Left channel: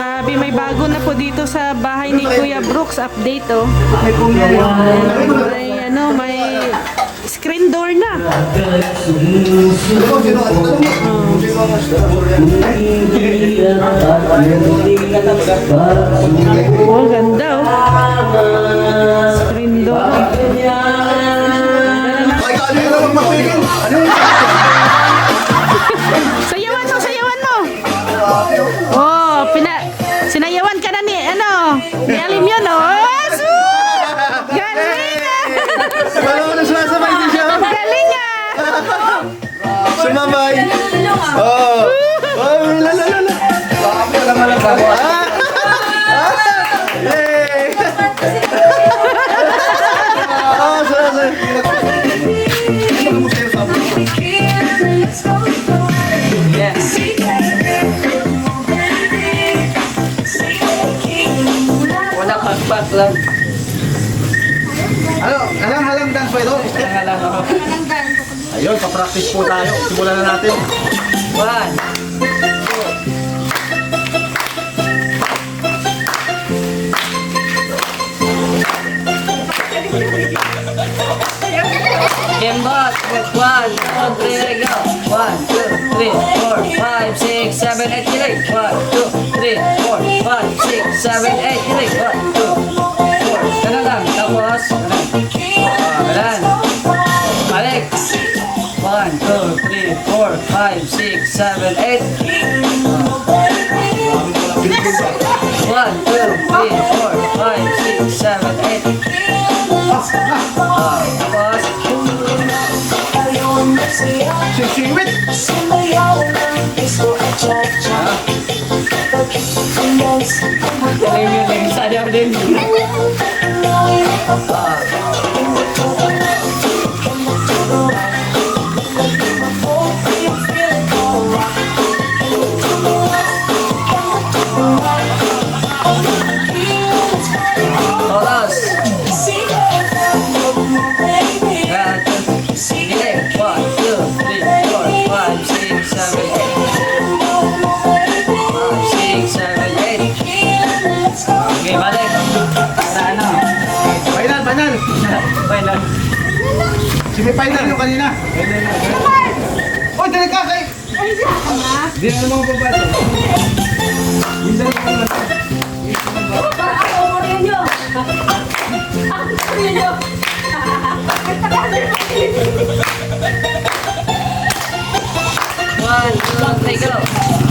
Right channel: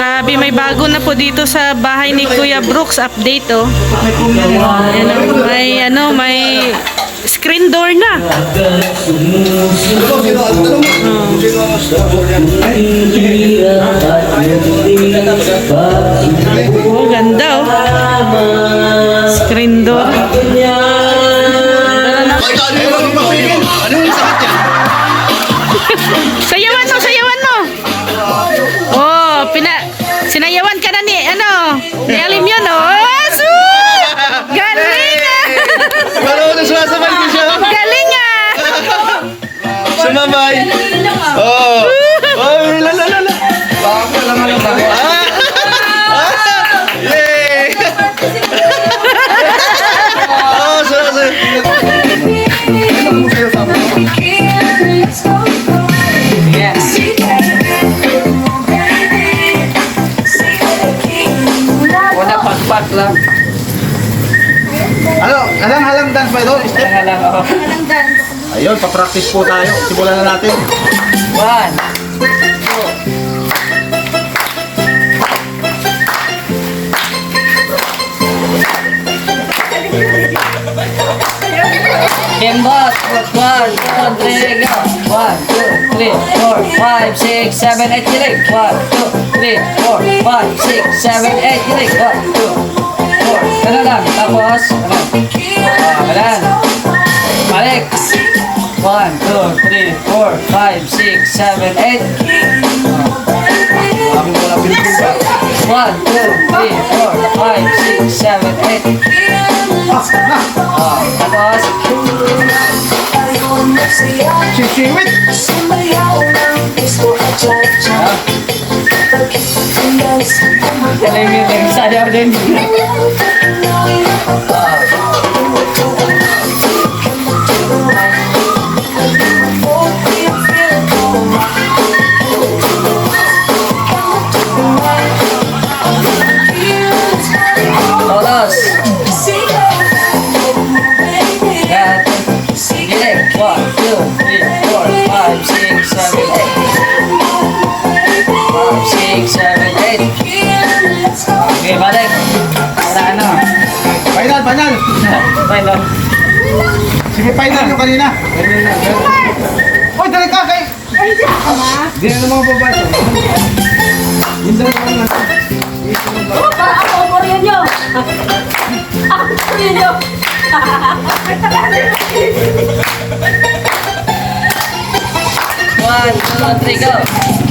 Grabe, may bago na po dito sa bahay ni Kuya Brooks. Update, oh. Ayan, oh. May screen door na. Oh, ganda, oh. Screen door. Sayawan mo, sayawan mo. Oh, sinayawan ka na ni Alim yun, oh. Galing ah. Galing ah. Sumabay. Oh. Oh, la. Yay! Oh, Wala pagpak lang. Halang dance ba ito? Halang ako. Ayun, pa-practice po tayo. Simulan na natin. 1, 2. Kembot. 1, 2, 3, go. 1, 2, 3, 4, 5, 6, 7, 8, kilig. 1, 2, 3, 4, 5, 6, 7, 8, kilig. 1, 2, 4. Ganun lang. Tapos, ganun. Balik. 1, 2, 3, 4, 5, 6, 7, 8. 1, 2, 3, 4, 5, 6, 7, 8. Tapos, Siwit! galing yun, nagsayaw din. Todos. Giling. 1, 2, 3, 4, 5, 6, 7, 8. Okay, balik. Para ano? Final! Final. Sige, final yung kanina. Uy, dali ka kay! Di na mga babae. Hindi na mga One, two, three, go. 1,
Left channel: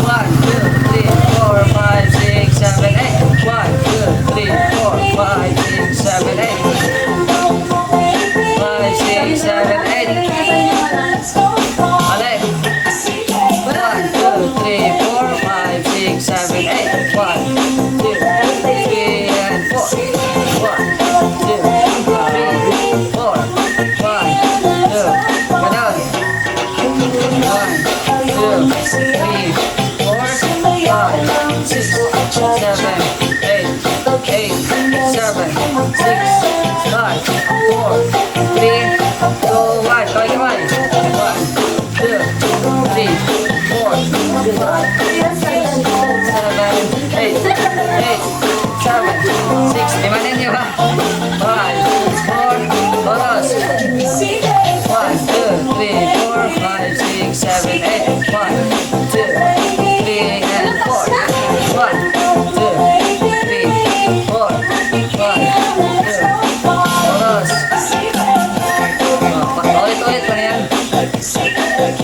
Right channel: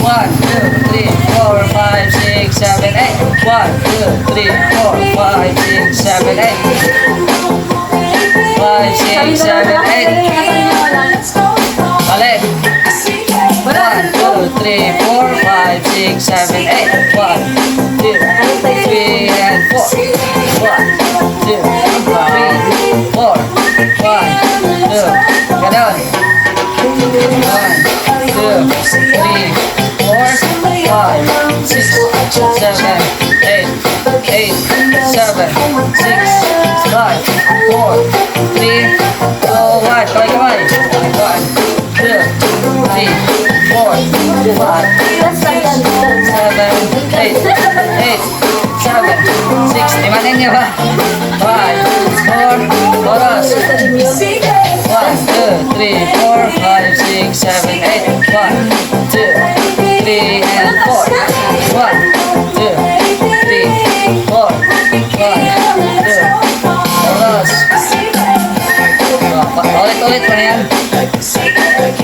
2, 3, 4, 5, 6, 7, 8. 1, 2, 3, 4, 5, 6, 7, 8. 5, 6, 7, 8. Balik. 1, 2, 3, 4, 5, 6, 7, 8. 1, 2, 3, and 4. 1, 2, 3, 4, 1, 2. Ganon. 1, 2, 3, 4, 5, 6, 7, 8, 8, 7, 6, 5, 4, 3, 2, 1. Kamay. 1, 2, 3, 4, 5, 6, 7, 8, 8, 7, 6. Limanin niyo ba? 5, 4, oras. 1, 2, 3, 4, 5, 6, 7, 8. 1, 2, 3, and 4. 1, 2, 3, 4, 5, 2. Oras. Ulit pa na yan. 1, 2,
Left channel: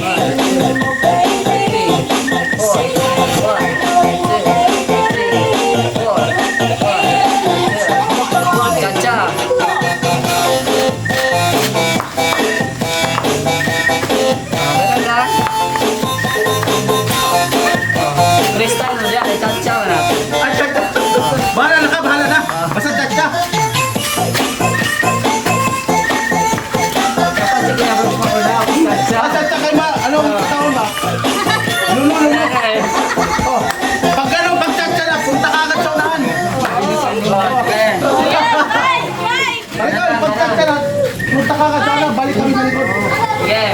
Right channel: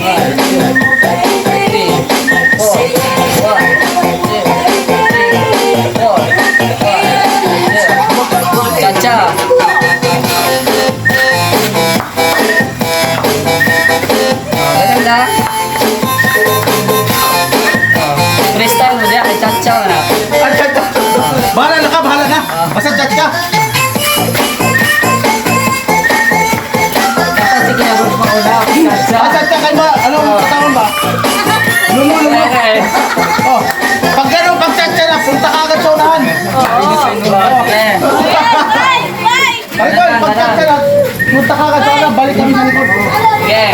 3, 4, 1, 2, 3, 4, 5, 2. Cha-cha. Ganun lang. Freestyle mo dyan, cha-cha mo na. Ay, tsak! Bahala na! Basta tsak ka! Dapat sige na mo pa una, cha-cha. Tsak ka kayo ba? Anong katawan ba? Lulo! Oh, pag gano'n, pag tsak ka na, punta ka agad sa unahan. Ikaw, pag tsak ka na, punta ka agad sa unahan, balik kami sa likod. Sige.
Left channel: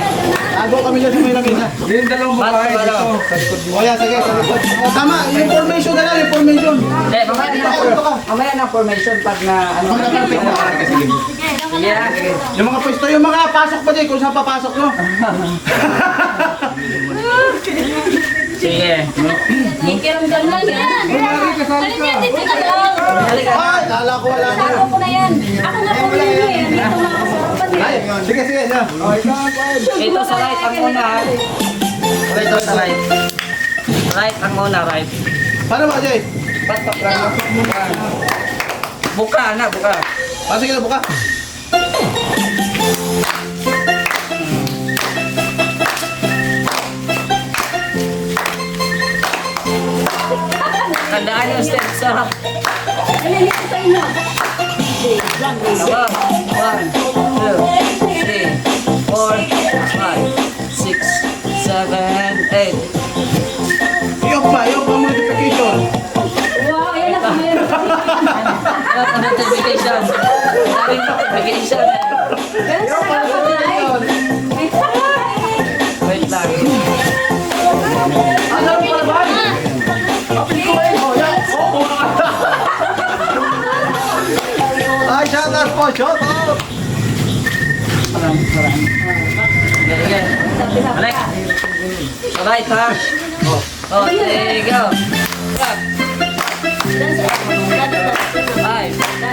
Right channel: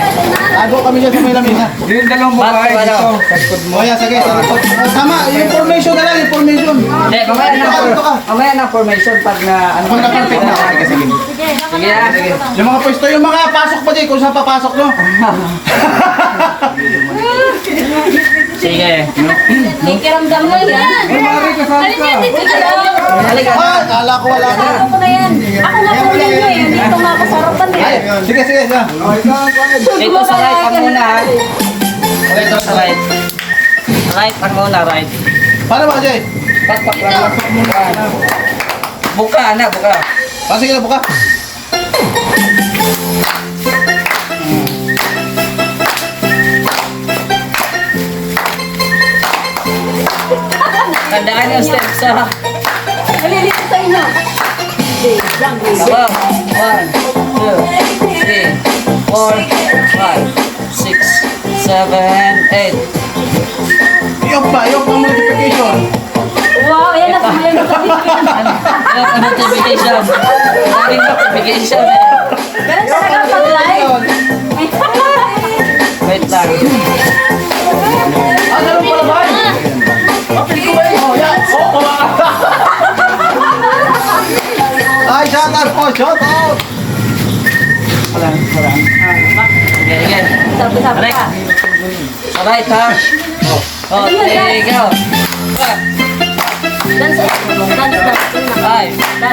Tago kami dyan sa may lamina. Yung dalawang babae dito. O yan, sige, sa likod. Tama, yung formation na lang, yung formation. formation. Hindi, mamaya na formation pag na ano. Pag na-perfect na. Sige, sige. Sige ah, sige. Yung mga pwesto, yung mga pasok pa dyan, kung saan papasok, no? Sige. Nakikiramdam lang yan. Halika na. Ay, kala ko wala ka. Ako na yan. Ako na po yan mo yun. Dito makasarapan Ay, eh. sige, sige. Sige. Dito sa right ang muna ha. Dito sa right. Right ang muna, right. Paano ba, Jay? Patak lang. Buka na, buka. Pasok na buka. Tandaan yung steps ha. Nalilito sa inyo. Tama. 1, 2, 3, 4, 5, 6, 7, 8. Yok pa multiplication. Wow, ayan na po yan. Ano ang notification? Maraming notification eh. Ganun sa nakapag-live. Wait lang. Ah, ganun pala ba? Kapit ko ba yun? Oh, yan. Ay, shout out po, shout out. Sige, sige. Balik. Sa right ha. Oh, there you go. 5,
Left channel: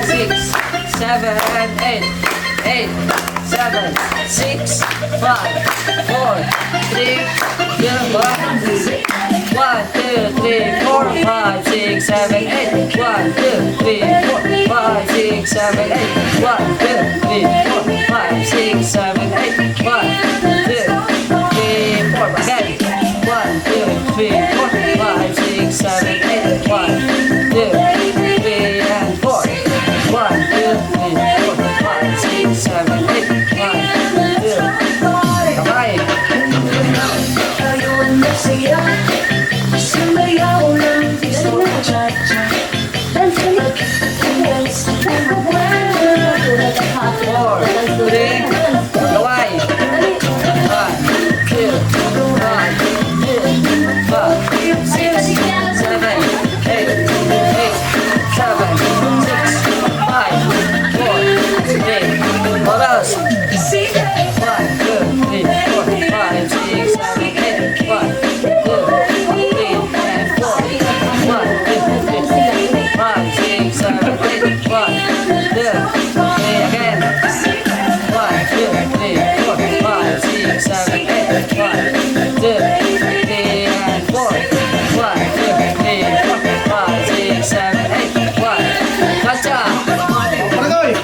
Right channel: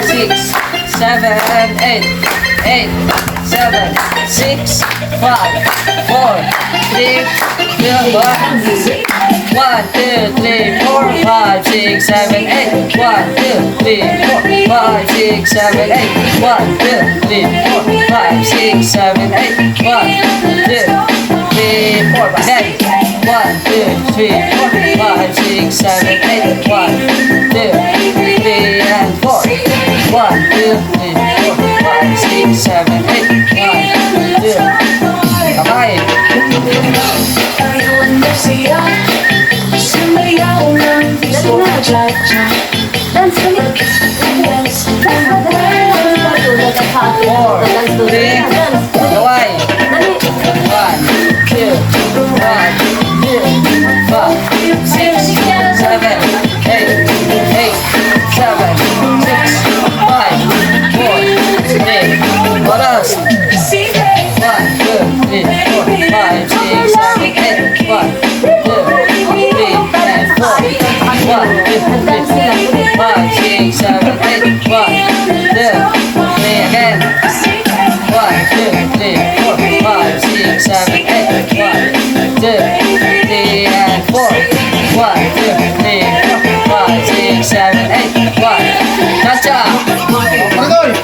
6, 7, 8, 8, 7, 6, 5, 4, 3, 2, 1, 1, 2, 3, 4, 5, 6, 7, 8, 1, 2, 3, 4, 5, 6, 7, 8, 1, 2, 3, 4, 5, 6, 7, 8, 1, 2, 3, 4, again. 1, 2, 3, 4, 5, 6, 7, 8, 1, 2, 3, and 4. 1, 2, 3, 4, 5, 6, 7, 8, 1, 2. Kamay. Four, three, kaway. 1, 2, 1, 2, 5, 6, 7, 8, 8, 7, 6, 5, 4, 3, oras. 1, 2, 3, 4, 5, 6, 7, 8, 1, 2, 3, and 4. 1, 2, 3, 5, 6, 7, 8, 1, 2, 3, again. 1, 2, 3, 4, 5, 6, 7, 8, 1, 2, 3, and 4. 1, 2, 3, 4, 5, 6, 7, 8, 1. Gotcha! Pagkoy!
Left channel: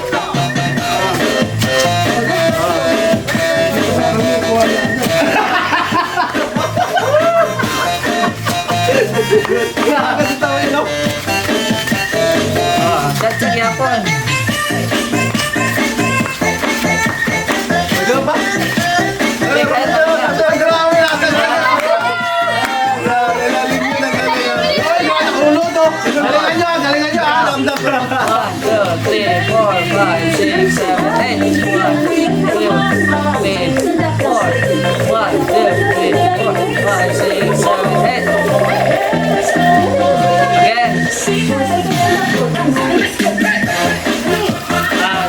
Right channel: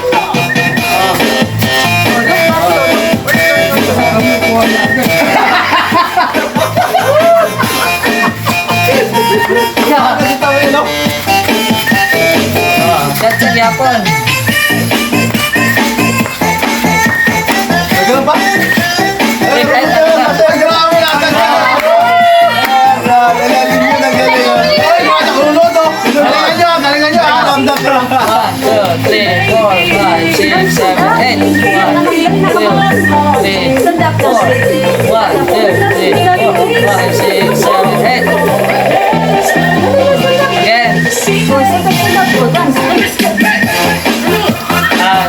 Kasi tao yun, no? Gotcha yapon. May ganun pa? Kahit ano na. Lalalim yun ang galing. Ay, mga nakulunod, oh. Galingan nyo, ah. Ramdam na. 1, 2, 3, 4, 5, 6, 7, 8. 1, 2, 3, 4. 1, 2, 3, 4, 5, 6, 7, 8. Again.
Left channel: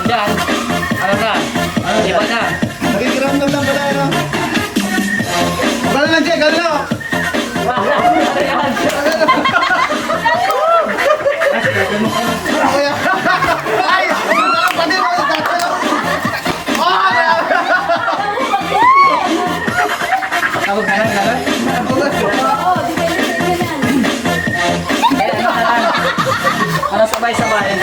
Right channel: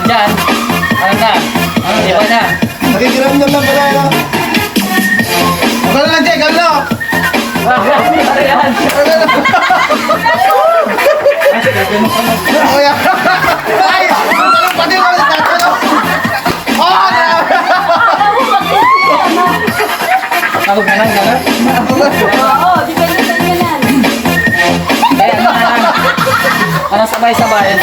Dyan. Ano na? Iba na. Nakikiramdam lang pala, no? Gano'n lang, Jay, gano'n lang. Ano yan? Kuya. Ay! Pati mo ulit natin. Oh! Tawag na lang, gano'n? Oo, di ba yung ganyan? Ayan, ano sabay-sabay?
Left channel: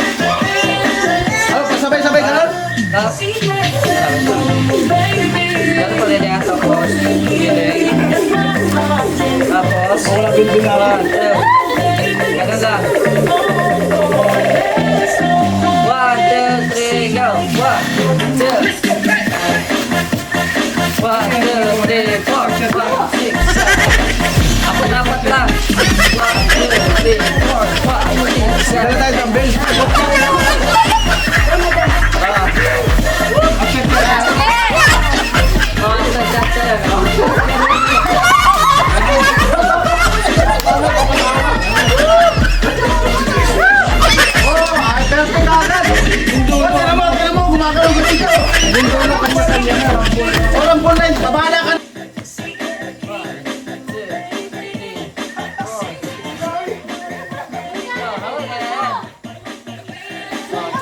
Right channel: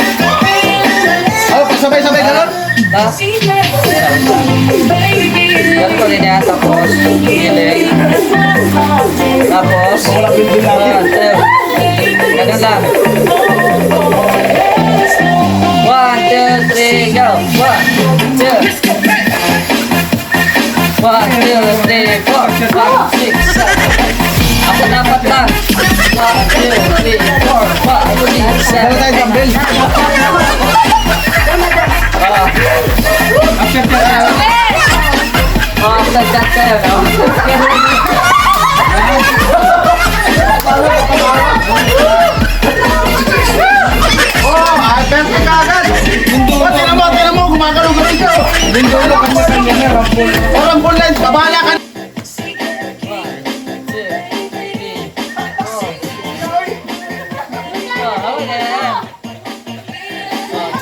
Ano, pasabay-sabay gano'n? Tapos, ganun pa rin yan, tapos, gilig. Tapos, 1, 2, ganun lang. 1, 2, 3, go! 1, 2. 1, 2, 3, 4, 5, 6, 7, 8. Apat-apat lang. 1, 2, 3, 4, 5, 6, 7, Gano'n tayo, Jambel. Agad kayo, no?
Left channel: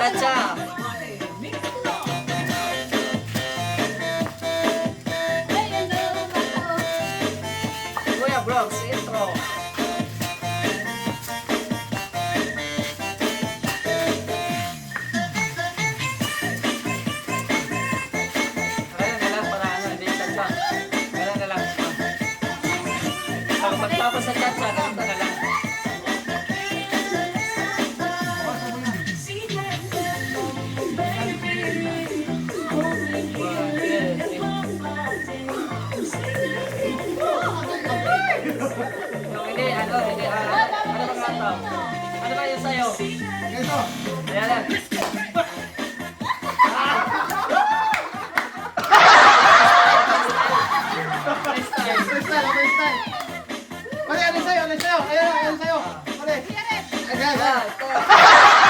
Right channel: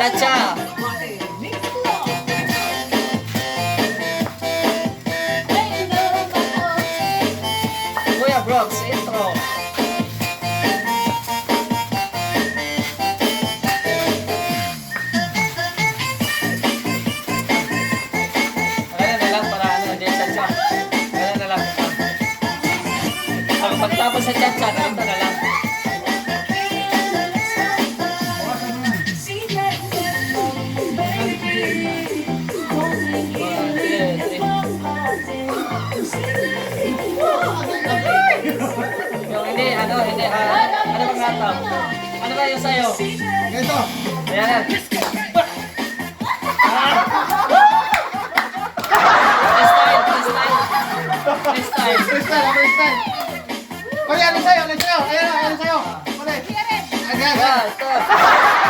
Cha-cha. Kuya Brooks, intro. Kaya na lang para ano, hindi cha-cha. Kaya na lang. Pag pagtapos sa cha-cha, ganito na lang. Yung hindi, ano bang hataw? Ano ba yung sayo? Ito. Ayan yan. Next time. Freestyle. Pare, ano sa'yo? Ano sa'yo? Ayan, ano sa'yo? Pare. Ayan. One, two.